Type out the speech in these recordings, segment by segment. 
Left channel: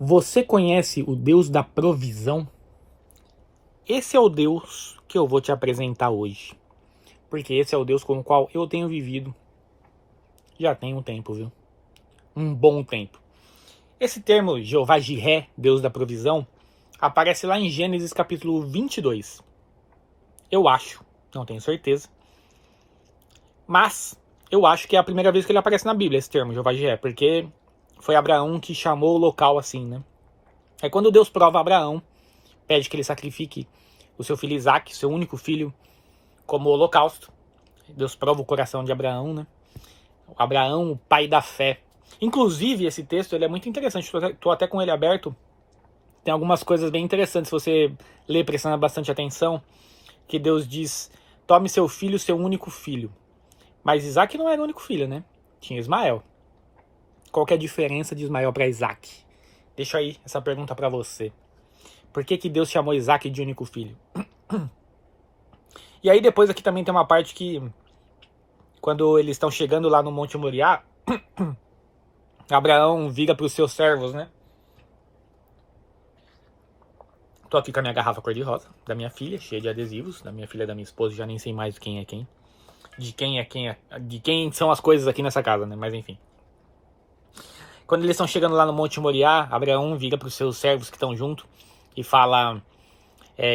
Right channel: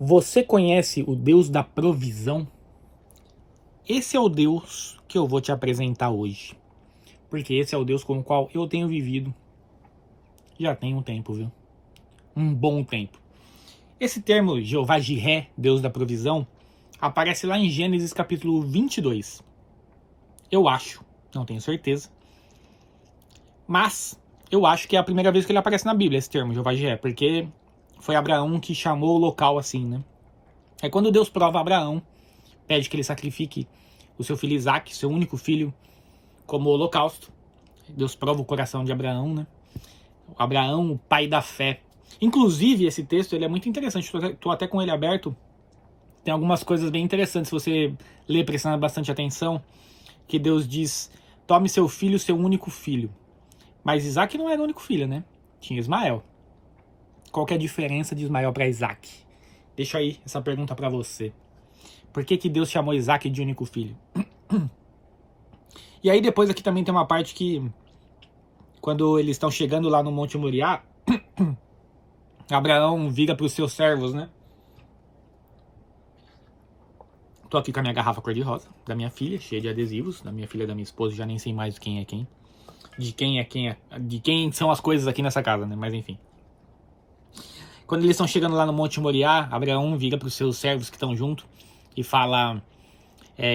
Você conhece o Deus da provisão? Esse é o Deus que eu vou te apresentar hoje. Porque esse é o Deus com o qual eu tenho vivido já tem um tempo, viu? Um bom tempo. Esse termo, Jeová Jiré, Deus da provisão, aparece lá em Gênesis capítulo 22. Eu acho, não tenho certeza. Mas eu acho que é a primeira vez que ele aparece na Bíblia, esse termo, Jeová Jiré, porque foi Abraão que chamou o local assim, né? É quando Deus prova a Abraão, pede que ele sacrifique o seu filho Isaac, seu único filho, como holocausto. Deus prova o coração de Abraão, né? Abraão, o pai da fé. Inclusive, esse texto ele é muito interessante. Estou até com ele aberto. Tem algumas coisas bem interessantes se você ler prestando bastante atenção. Que Deus diz, tome seu filho, seu único filho. Mas Isaac não era o único filho, né? Tinha Ismael. Qual que é a diferença de Ismael para Isaac? Deixa aí essa pergunta para você. Por que que Deus chamou Isaac de único filho? E aí depois aqui também tem uma parte que, quando eles estão chegando lá no Monte Moriá, Abraão vira para os seus servos, né? Tô aqui com a minha garrafa cor-de-rosa, da minha filha, cheia de adesivos, da minha filha e da minha esposa, já nem sei mais quem é quem. De quem são as coisas aqui nessa casa, né? Mas enfim. Quando eles estão chegando lá no Monte Moriá, Abraão vira para os seus servos que estão junto e fala,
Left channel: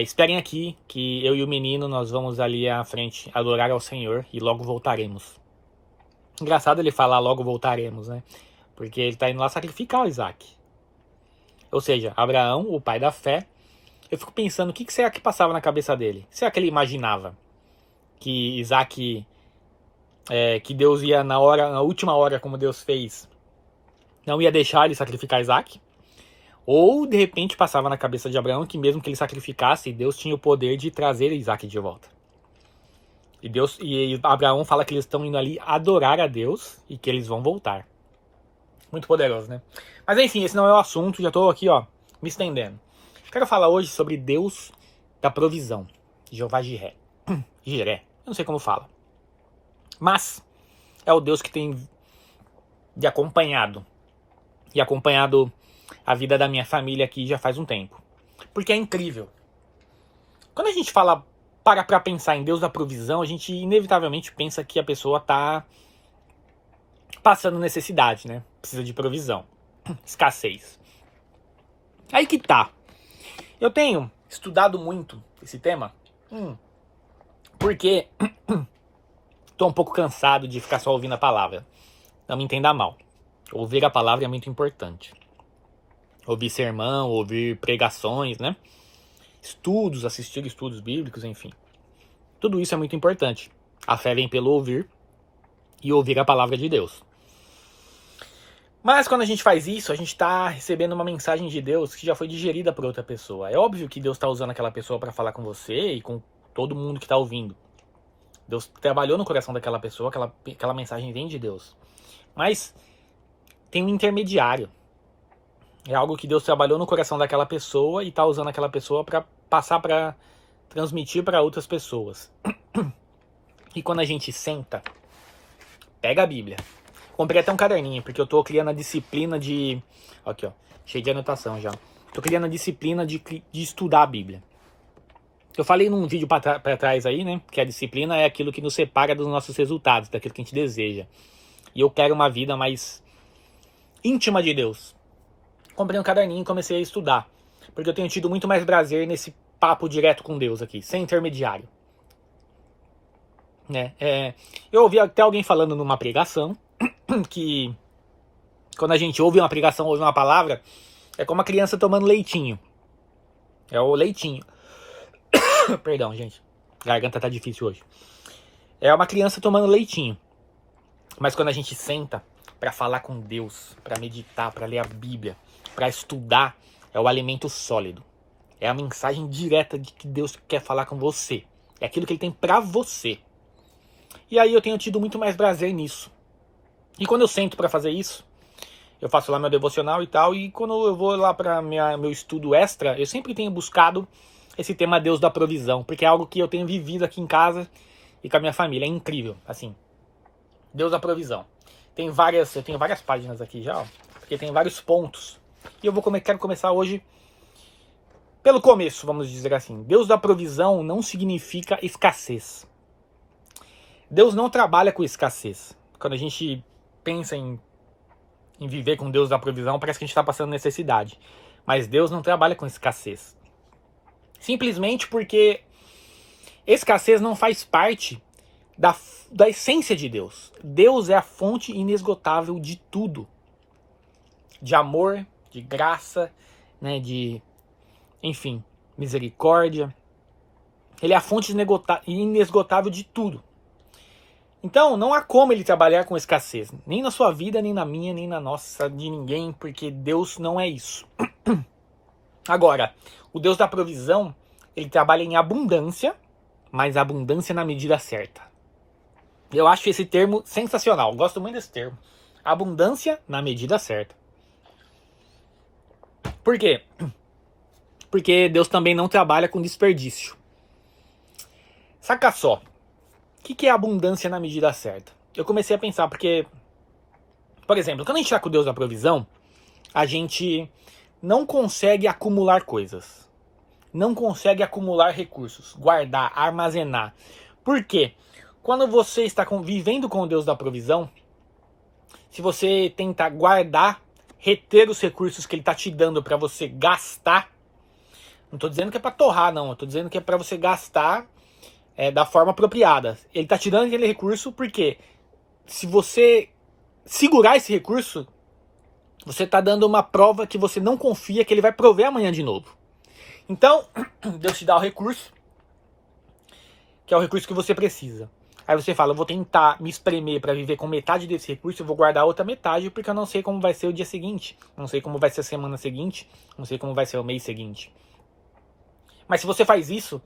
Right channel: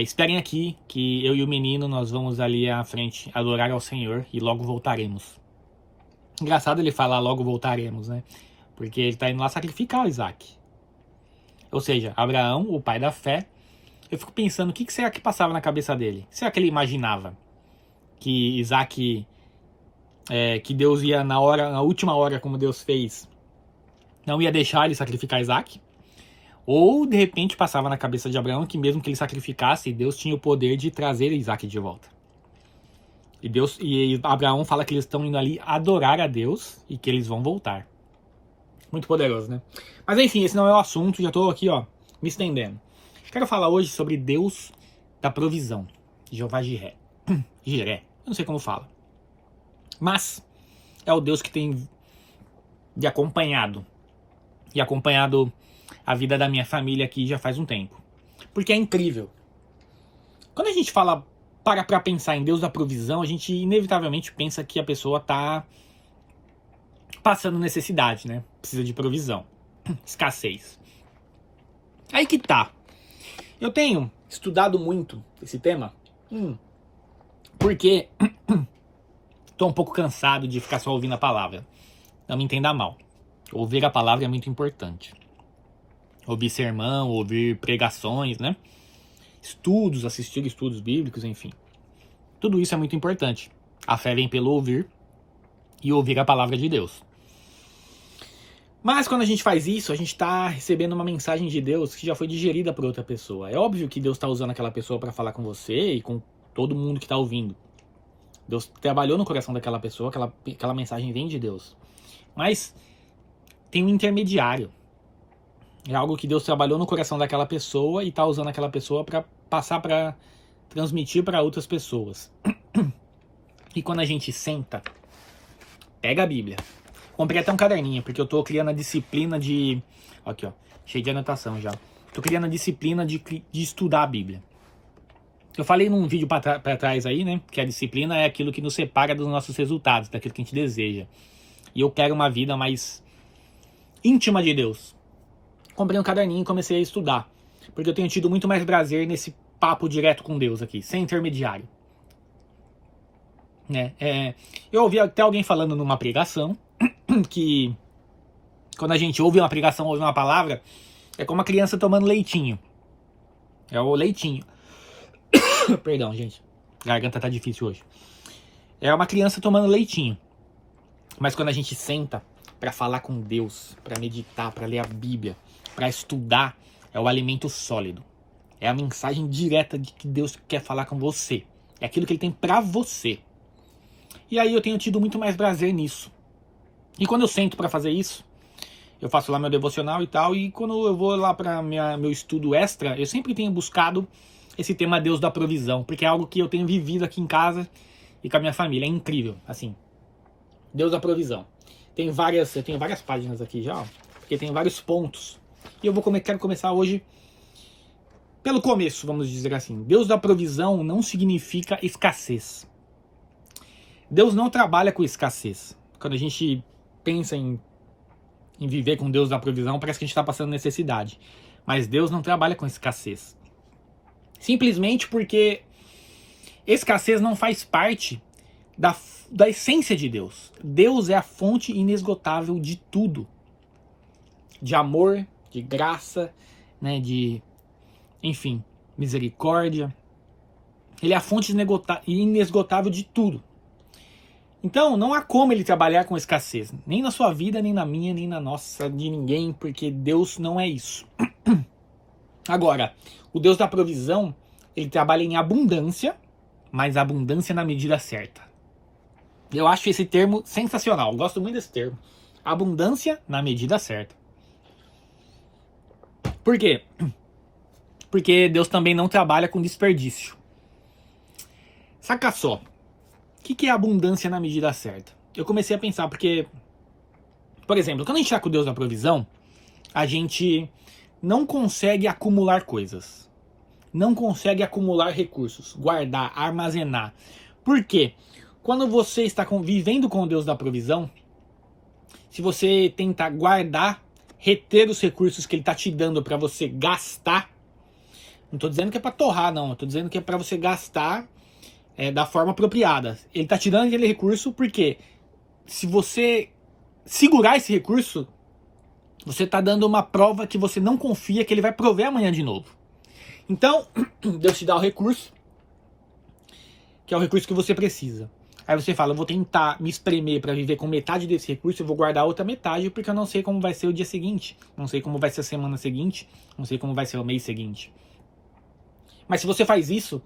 esperem aqui, que eu e o menino, nós vamos ali à frente adorar ao Senhor e logo voltaremos. Engraçado ele falar logo voltaremos, né? Porque ele está indo lá sacrificar o Isaac. Ou seja, Abraão, o pai da fé, eu fico pensando, o que será que passava na cabeça dele? Será que ele imaginava que Isaac, que Deus ia na última hora, como Deus fez, não ia deixar ele sacrificar Isaac? Ou, de repente, passava na cabeça de Abraão que mesmo que ele sacrificasse, Deus tinha o poder de trazer Isaac de volta. E Abraão fala que eles estão indo ali adorar a Deus e que eles vão voltar. Muito poderoso, né? Mas enfim, esse não é o assunto, já estou aqui, ó, me estendendo. Quero falar hoje sobre Deus da provisão, Jeová Jiré. Jiré, eu não sei como fala. Mas é o Deus que tem de acompanhado. E acompanhado a vida da minha família aqui já faz um tempo. Porque é incrível. Quando a gente fala, para pra pensar em Deus da provisão, a gente inevitavelmente pensa que a pessoa tá passando necessidade, né? Precisa de provisão. Escassez. Aí que tá. Eu tenho estudado muito esse tema, porque tô um pouco cansado de ficar só ouvindo a palavra. Não me entenda mal. Ouvir a palavra é muito importante. Ouvir sermão, ouvir pregações, né? Estudos, assistir estudos bíblicos, enfim. Tudo isso é muito importante. A fé vem pelo ouvir e ouvir a palavra de Deus. Mas quando a gente faz isso, a gente está recebendo uma mensagem de Deus que já foi digerida por outra pessoa. É óbvio que Deus está usando aquela pessoa para falar com você e com todo mundo que está ouvindo. Deus trabalhou no coração daquela pessoa, aquela mensagem vem de Deus. Mas tem um intermediário. É algo que Deus trabalhou no coração daquela pessoa e está usando aquela pessoa para passar, para transmitir para outras pessoas. E quando a gente senta, pega a Bíblia. Comprei até um caderninho, porque eu tô criando a disciplina de... Aqui, ó, cheio de anotação já. Tô criando a disciplina de estudar a Bíblia. Eu falei num vídeo pra trás aí, né, que a disciplina é aquilo que nos separa dos nossos resultados, daquilo que a gente deseja. E eu quero uma vida mais íntima de Deus. Comprei um caderninho e comecei a estudar. Porque eu tenho tido muito mais prazer nesse papo direto com Deus aqui, sem intermediário. Né? Eu ouvi até alguém falando numa pregação que quando a gente ouve uma pregação, ouve uma palavra, é como uma criança tomando leitinho. É o leitinho. Perdão, gente. A garganta tá difícil hoje. É uma criança tomando leitinho. Mas quando a gente senta para falar com Deus, para meditar, para ler a Bíblia, para estudar, é o alimento sólido. É a mensagem direta de que Deus quer falar com você. É aquilo que Ele tem para você. E aí eu tenho tido muito mais prazer nisso. E quando eu sento para fazer isso, eu faço lá meu devocional e tal, e quando eu vou lá para meu estudo extra, eu sempre tenho buscado esse tema Deus da provisão, porque é algo que eu tenho vivido aqui em casa e com a minha família. É incrível, assim. Deus da provisão. Eu tenho várias páginas aqui já, ó, porque tem vários pontos E eu quero começar hoje pelo começo, vamos dizer assim. Deus da provisão não significa escassez. Deus não trabalha com escassez. Quando a gente pensa em viver com Deus da provisão, parece que a gente está passando necessidade. Mas Deus não trabalha com escassez. Simplesmente porque escassez não faz parte da essência de Deus. Deus é a fonte inesgotável de tudo. De amor, de graça, né, enfim, misericórdia. Ele é a fonte inesgotável de tudo. Então, não há como ele trabalhar com escassez. Nem na sua vida, nem na minha, nem na nossa, de ninguém, porque Deus não é isso. Agora, o Deus da provisão, ele trabalha em abundância, mas abundância na medida certa. Eu acho esse termo sensacional, eu gosto muito desse termo. Abundância na medida certa. Por quê? Porque Deus também não trabalha com desperdício. Saca só. O que é abundância na medida certa? Eu comecei a pensar, porque, por exemplo, quando a gente está com Deus da provisão, a gente não consegue acumular coisas. Não consegue acumular recursos, guardar, armazenar. Por quê? Quando você está vivendo com o Deus da provisão, se você tenta guardar, reter os recursos que Ele está te dando para você gastar, não estou dizendo que é para torrar, não. Eu estou dizendo que é para você gastar da forma apropriada. Ele está te dando aquele recurso porque se você segurar esse recurso, você está dando uma prova que você não confia que Ele vai prover amanhã de novo. Então, Deus te dá o recurso, que é o recurso que você precisa. Aí você fala, eu vou tentar me espremer para viver com metade desse recurso, eu vou guardar a outra metade, porque eu não sei como vai ser o dia seguinte, não sei como vai ser a semana seguinte, não sei como vai ser o mês seguinte. Mas se você faz isso,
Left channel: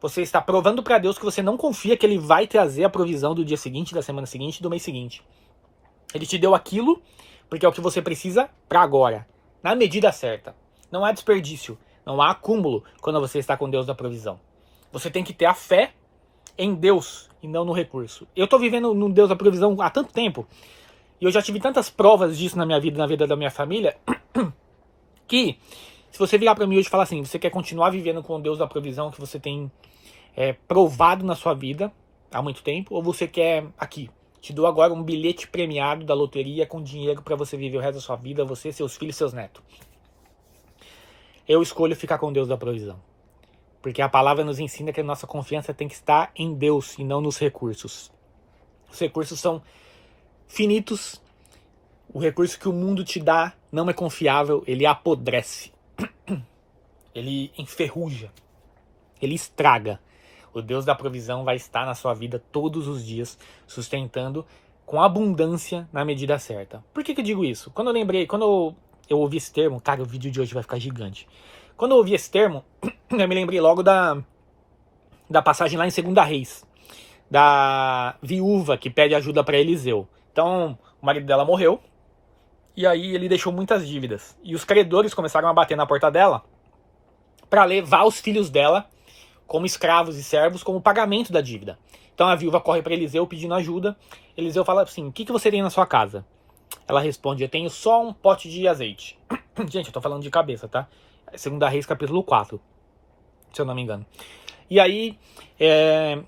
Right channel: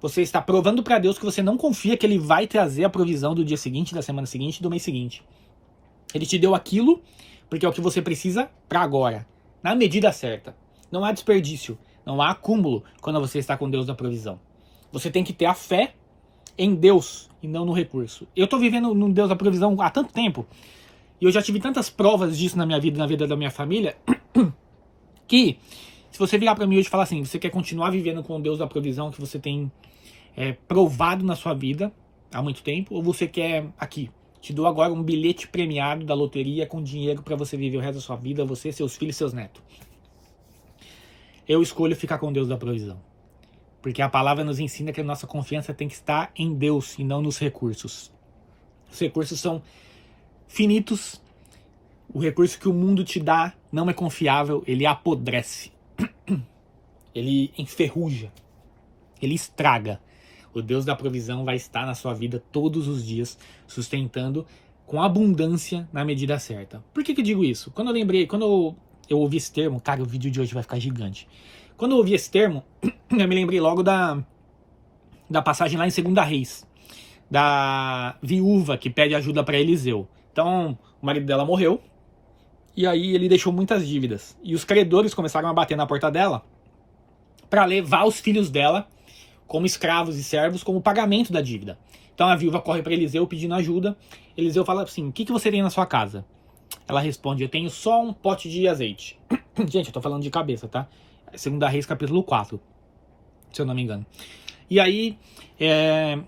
você está provando para Deus que você não confia que Ele vai trazer a provisão do dia seguinte, da semana seguinte, do mês seguinte. Ele te deu aquilo porque é o que você precisa para agora, na medida certa. Não há desperdício, não há acúmulo quando você está com Deus da provisão. Você tem que ter a fé em Deus e não no recurso. Eu estou vivendo no Deus da provisão há tanto tempo, e eu já tive tantas provas disso na minha vida, na vida da minha família, que se você virar para mim hoje e falar assim, você quer continuar vivendo com o Deus da provisão que você tem provado na sua vida há muito tempo, ou você quer aqui, te dou agora um bilhete premiado da loteria com dinheiro para você viver o resto da sua vida, você, seus filhos, seus netos. Eu escolho ficar com Deus da provisão. Porque a palavra nos ensina que a nossa confiança tem que estar em Deus e não nos recursos. Os recursos são finitos. O recurso que o mundo te dá não é confiável, ele apodrece. Ele enferruja. Ele estraga. O Deus da provisão vai estar na sua vida todos os dias, sustentando com abundância na medida certa. Por que eu digo isso? Quando eu ouvi esse termo, cara, o vídeo de hoje vai ficar gigante. Quando eu ouvi esse termo, eu me lembrei logo da passagem lá em 2 Reis, da viúva que pede ajuda para Eliseu. Então, o marido dela morreu, e aí ele deixou muitas dívidas. E os credores começaram a bater na porta dela para levar os filhos dela como escravos e servos como pagamento da dívida. Então a viúva corre para Eliseu pedindo ajuda. Eliseu fala assim, o que você tem na sua casa? Ela responde, eu tenho só um pote de azeite. Gente, eu tô falando de cabeça, tá? 2 Reis, capítulo 4, se eu não me engano. E aí,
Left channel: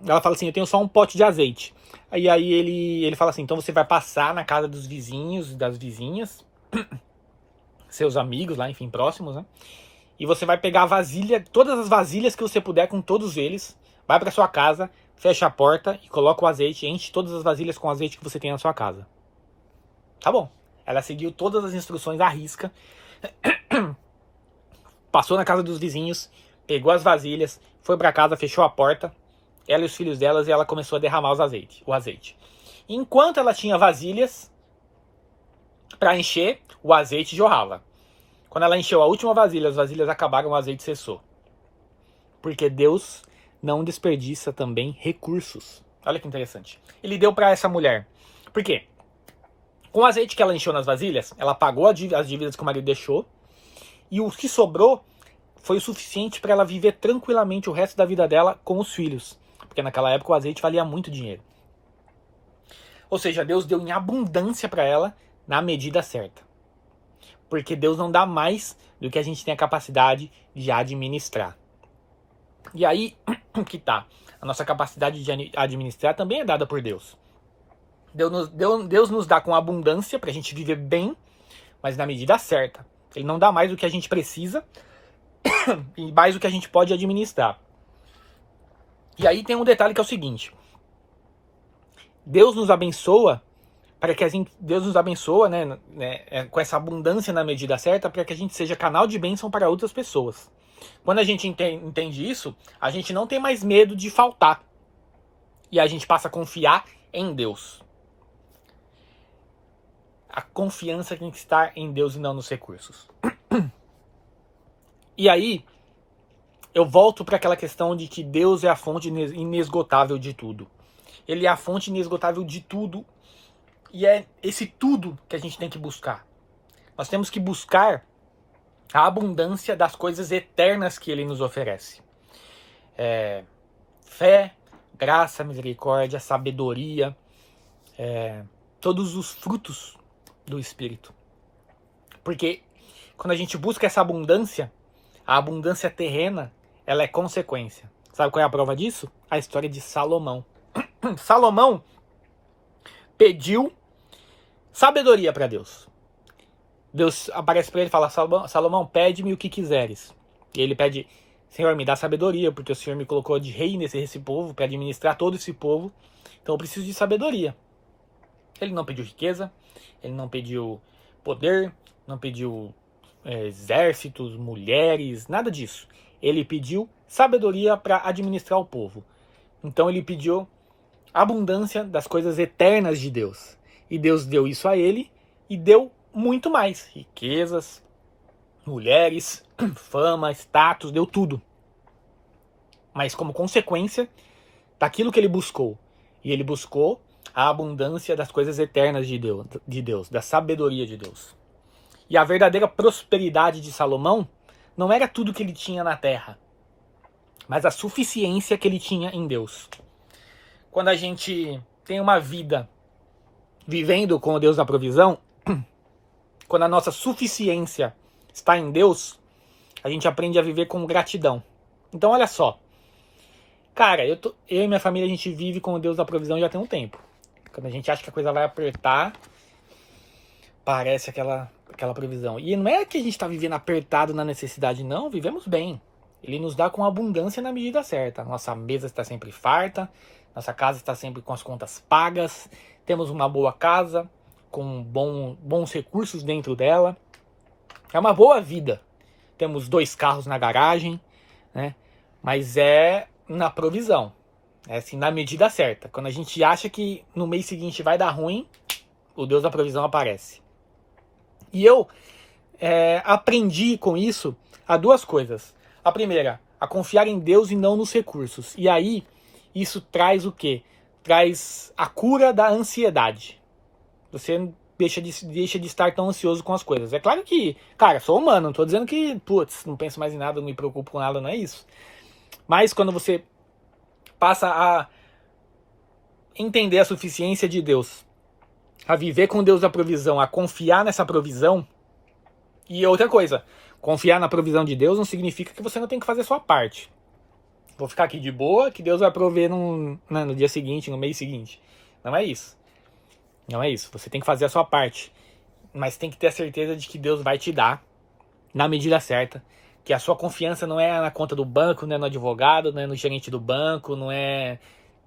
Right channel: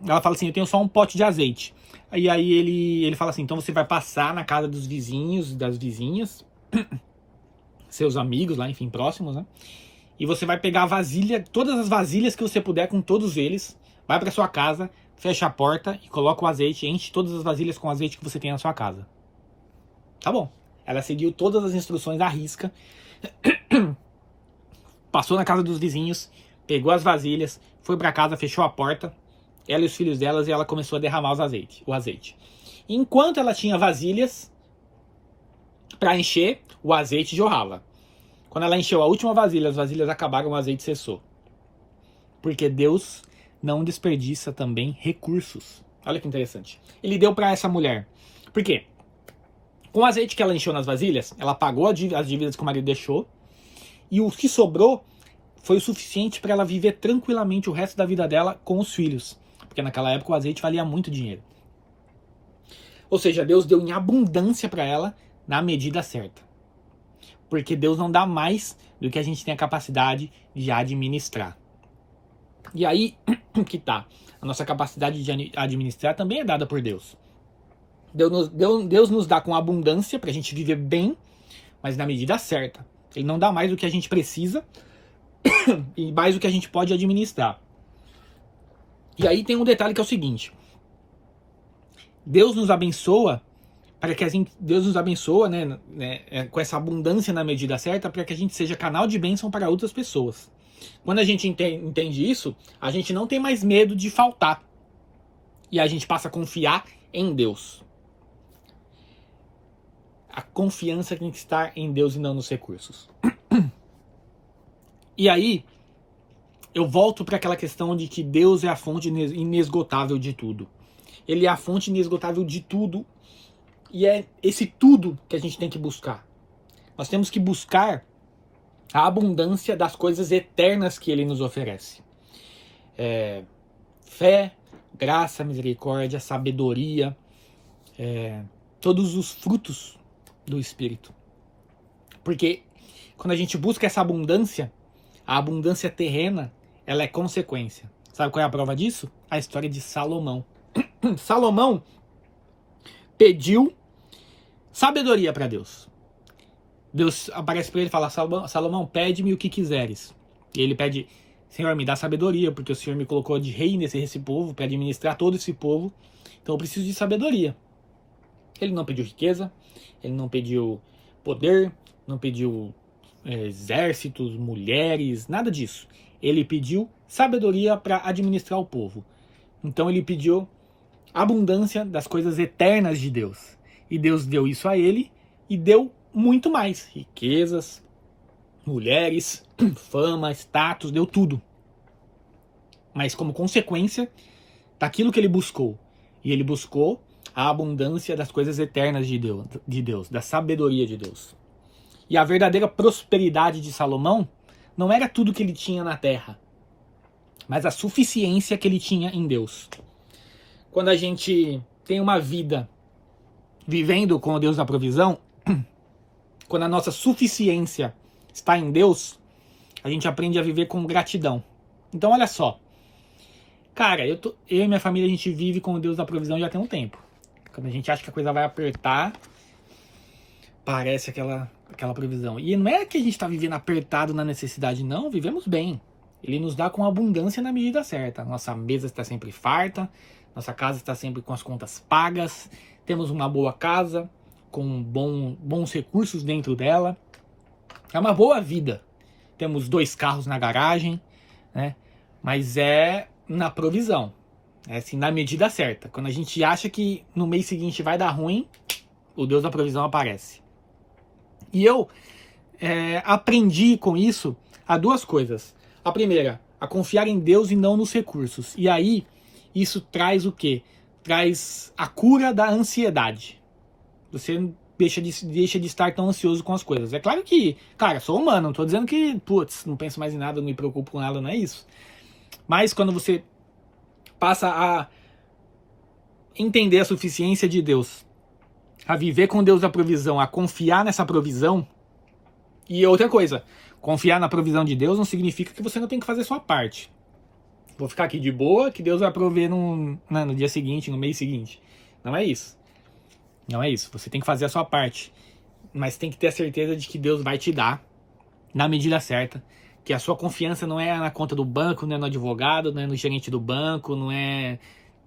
ela fala assim, eu tenho só um pote de azeite. E aí ele fala assim, então você vai passar na casa dos vizinhos, das vizinhas, seus amigos lá, enfim, próximos, né? E você vai pegar a vasilha, todas as vasilhas que você puder com todos eles, vai para sua casa, fecha a porta e coloca o azeite, enche todas as vasilhas com o azeite que você tem na sua casa. Tá bom. Ela seguiu todas as instruções à risca, passou na casa dos vizinhos, pegou as vasilhas, foi para casa, fechou a porta, ela e os filhos delas, e ela começou a derramar o azeite. Enquanto ela tinha vasilhas para encher, o azeite jorrava. Quando ela encheu a última vasilha, as vasilhas acabaram, o azeite cessou. Porque Deus não desperdiça também recursos. Olha que interessante. Ele deu para essa mulher. Por quê? Com o azeite que ela encheu nas vasilhas, ela pagou as dívidas que o marido deixou, e o que sobrou foi o suficiente para ela viver tranquilamente o resto da vida dela com os filhos. Porque naquela época o azeite valia muito dinheiro. Ou seja, Deus deu em abundância para ela na medida certa. Porque Deus não dá mais do que a gente tem a capacidade de administrar. E aí que tá. A nossa capacidade de administrar também é dada por Deus. Deus nos dá com abundância pra gente viver bem, mas na medida certa. Ele não dá mais do que a gente precisa e mais do que a gente pode administrar. E aí tem um detalhe que é o seguinte. Deus nos abençoa para que Deus nos abençoa, com essa abundância na medida certa, para que a gente seja canal de bênção para outras pessoas. Quando a gente entende isso, a gente não tem mais medo de faltar. E a gente passa a confiar em Deus. A confiança tem que estar em Deus e não nos recursos. E aí, eu volto para aquela questão de que Deus é a fonte inesgotável de tudo. Ele é a fonte inesgotável de tudo. E é esse tudo que a gente tem que buscar. Nós temos que buscar a abundância das coisas eternas que Ele nos oferece. Fé, graça, misericórdia, sabedoria, todos os frutos do Espírito. Porque quando a gente busca essa abundância, a abundância terrena, ela é consequência. Sabe qual é a prova disso? A história de Salomão. Salomão pediu sabedoria para Deus. Deus aparece para ele e fala: Salomão, pede-me o que quiseres. E ele pede: Senhor, me dá sabedoria, porque o Senhor me colocou de rei nesse povo, para administrar todo esse povo. Então eu preciso de sabedoria. Ele não pediu riqueza, ele não pediu poder, não pediu exércitos, mulheres, nada disso. Ele pediu sabedoria para administrar o povo. Então ele pediu abundância das coisas eternas de Deus. E Deus deu isso a ele e deu muito mais. Riquezas, mulheres, fama, status, deu tudo. Mas como consequência daquilo que ele buscou. E ele buscou a abundância das coisas eternas de Deus, da sabedoria de Deus. E a verdadeira prosperidade de Salomão não era tudo que ele tinha na terra, mas a suficiência que ele tinha em Deus. Quando a gente tem uma vida vivendo com o Deus da provisão, quando a nossa suficiência está em Deus, a gente aprende a viver com gratidão. Então olha só, cara, eu e minha família, a gente vive com o Deus da provisão já tem um tempo. Quando a gente acha que a coisa vai apertar, parece aquela provisão. E não é que a gente está vivendo apertado na necessidade, não, vivemos bem. Ele nos dá com abundância na medida certa. Nossa mesa está sempre farta, nossa casa está sempre com as contas pagas, temos uma boa casa, com bons recursos dentro dela. É uma boa vida. Temos 2 carros na garagem, né? Mas é na provisão. É assim, na medida certa. Quando a gente acha que no mês seguinte vai dar ruim, o Deus da provisão aparece. E eu aprendi com isso a 2 coisas. A primeira, a confiar em Deus e não nos recursos. E aí, isso traz o quê? Traz a cura da ansiedade. Você deixa de estar tão ansioso com as coisas. É claro que, cara, sou humano, não tô dizendo que, não penso mais em nada, não me preocupo com nada, não é isso. Mas quando você passa a entender a suficiência de Deus, a viver com Deus da provisão, a confiar nessa provisão. E outra coisa, confiar na provisão de Deus não significa que você não tem que fazer a sua parte. Vou ficar aqui de boa, que Deus vai prover no dia seguinte, no mês seguinte. Não é isso. Não é isso. Você tem que fazer a sua parte. Mas tem que ter a certeza de que Deus vai te dar, na medida certa, que a sua confiança não é na conta do banco, não é no advogado, não é no gerente do banco, não é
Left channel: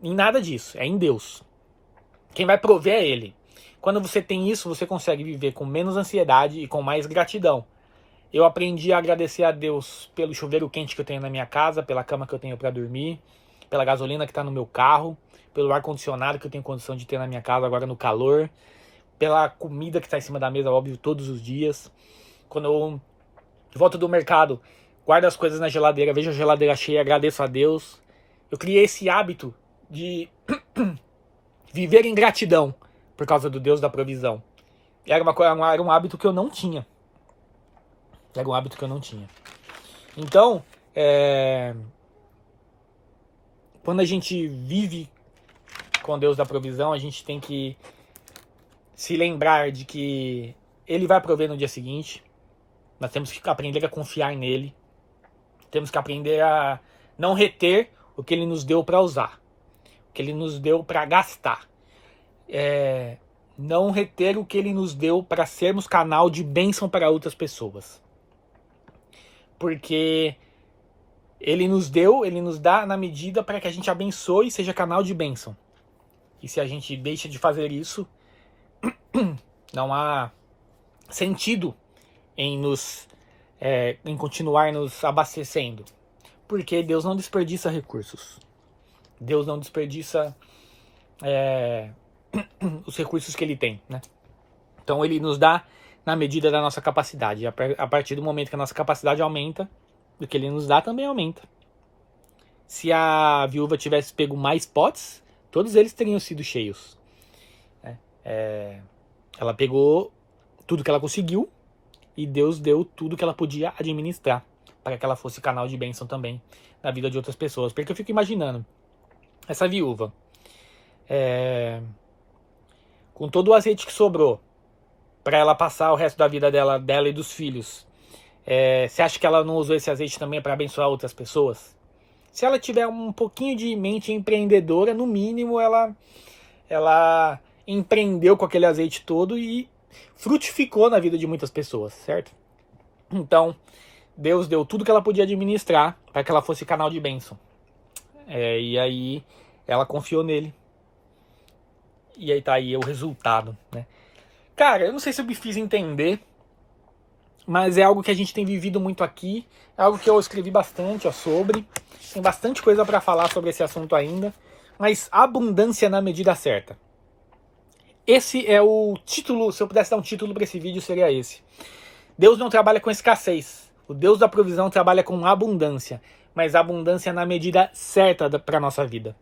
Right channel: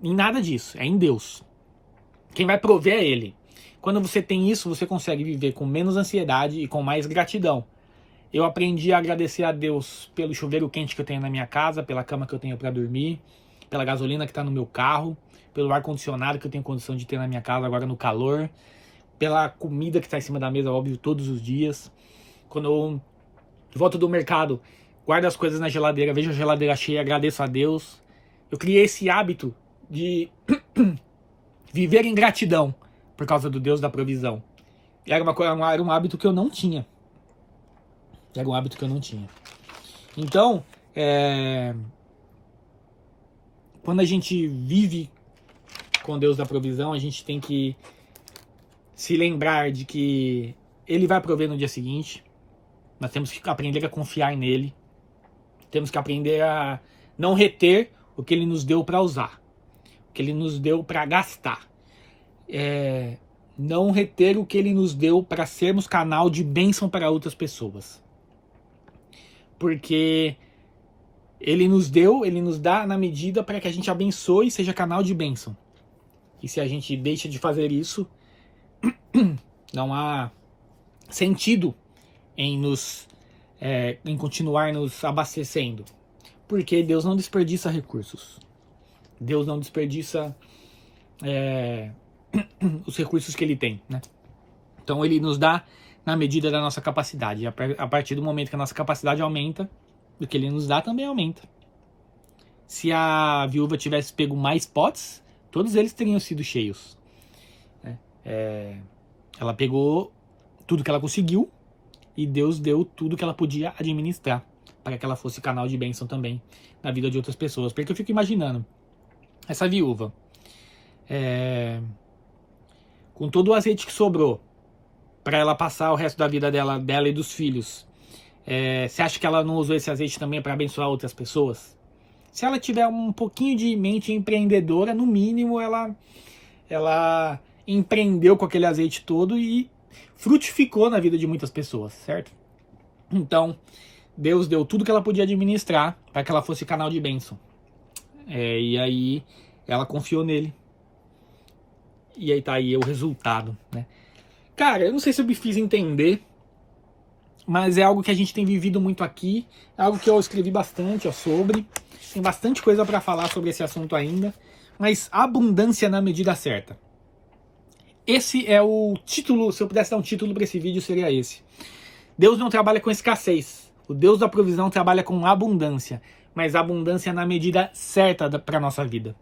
em nada disso. É em Deus. Quem vai prover é Ele. Quando você tem isso, você consegue viver com menos ansiedade e com mais gratidão. Eu aprendi a agradecer a Deus pelo chuveiro quente que eu tenho na minha casa, pela cama que eu tenho para dormir, pela gasolina que está no meu carro, pelo ar-condicionado que eu tenho condição de ter na minha casa agora no calor, pela comida que está em cima da mesa, óbvio, todos os dias. Quando eu volto do mercado, guardo as coisas na geladeira, vejo a geladeira cheia, agradeço a Deus. Eu criei esse hábito de viver em gratidão por causa do Deus da provisão. Era um hábito que eu não tinha. Era um hábito que eu não tinha. Então, quando a gente vive com Deus da provisão, a gente tem que se lembrar de que Ele vai prover no dia seguinte. Nós temos que aprender a confiar nele. Temos que aprender a não reter o que ele nos deu para usar, o que ele nos deu para gastar. Não reter o que ele nos deu para sermos canal de bênção para outras pessoas. Porque ele nos dá na medida para que a gente abençoe e seja canal de bênção. E se a gente deixa de fazer isso, não há sentido em continuar nos abastecendo. Porque Deus não desperdiça recursos. Deus não desperdiça os recursos que ele tem, né? Então ele nos dá na medida da nossa capacidade. A partir do momento que a nossa capacidade aumenta, o que ele nos dá também aumenta. Se a viúva tivesse pego mais potes, todos eles teriam sido cheios. Ela pegou tudo que ela conseguiu e Deus deu tudo que ela podia administrar para que ela fosse canal de bênção também na vida de outras pessoas. Porque eu fico imaginando, essa viúva, com todo o azeite que sobrou para ela passar o resto da vida dela e dos filhos, você acha que ela não usou esse azeite também para abençoar outras pessoas? Se ela tiver um pouquinho de mente empreendedora, no mínimo ela empreendeu com aquele azeite todo e frutificou na vida de muitas pessoas, certo? Então, Deus deu tudo que ela podia administrar para que ela fosse canal de bênção. E aí ela confiou nele. E aí tá aí o resultado, né? Cara, eu não sei se eu me fiz entender, mas é algo que a gente tem vivido muito aqui. É algo que eu escrevi bastante sobre. Tem bastante coisa para falar sobre esse assunto ainda. Mas abundância na medida certa. Esse é o título, se eu pudesse dar um título para esse vídeo, seria esse. Deus não trabalha com escassez. O Deus da provisão trabalha com abundância. Mas abundância na medida certa para a nossa vida.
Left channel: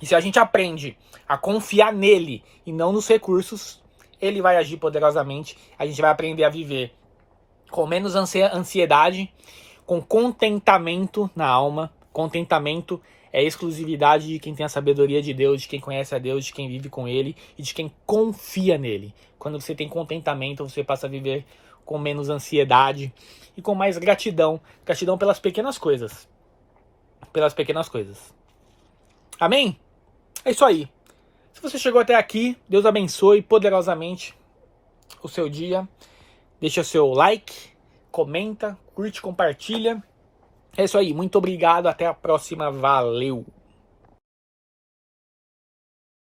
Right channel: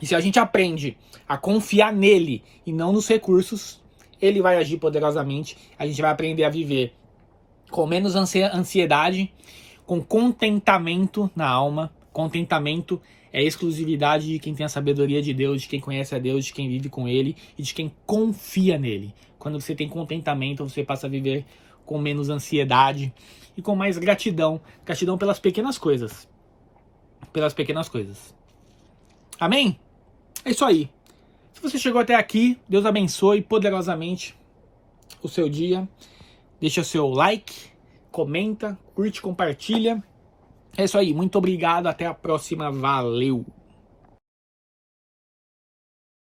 E se a gente aprende a confiar nele e não nos recursos, ele vai agir poderosamente. A gente vai aprender a viver com menos ansiedade, com contentamento na alma. Contentamento é exclusividade de quem tem a sabedoria de Deus, de quem conhece a Deus, de quem vive com ele e de quem confia nele. Quando você tem contentamento, você passa a viver com menos ansiedade e com mais gratidão. Gratidão pelas pequenas coisas. Pelas pequenas coisas. Amém? É isso aí. Se você chegou até aqui, Deus abençoe poderosamente o seu dia. Deixa seu like, comenta, curte, compartilha. É isso aí. Muito obrigado. Até a próxima. Valeu!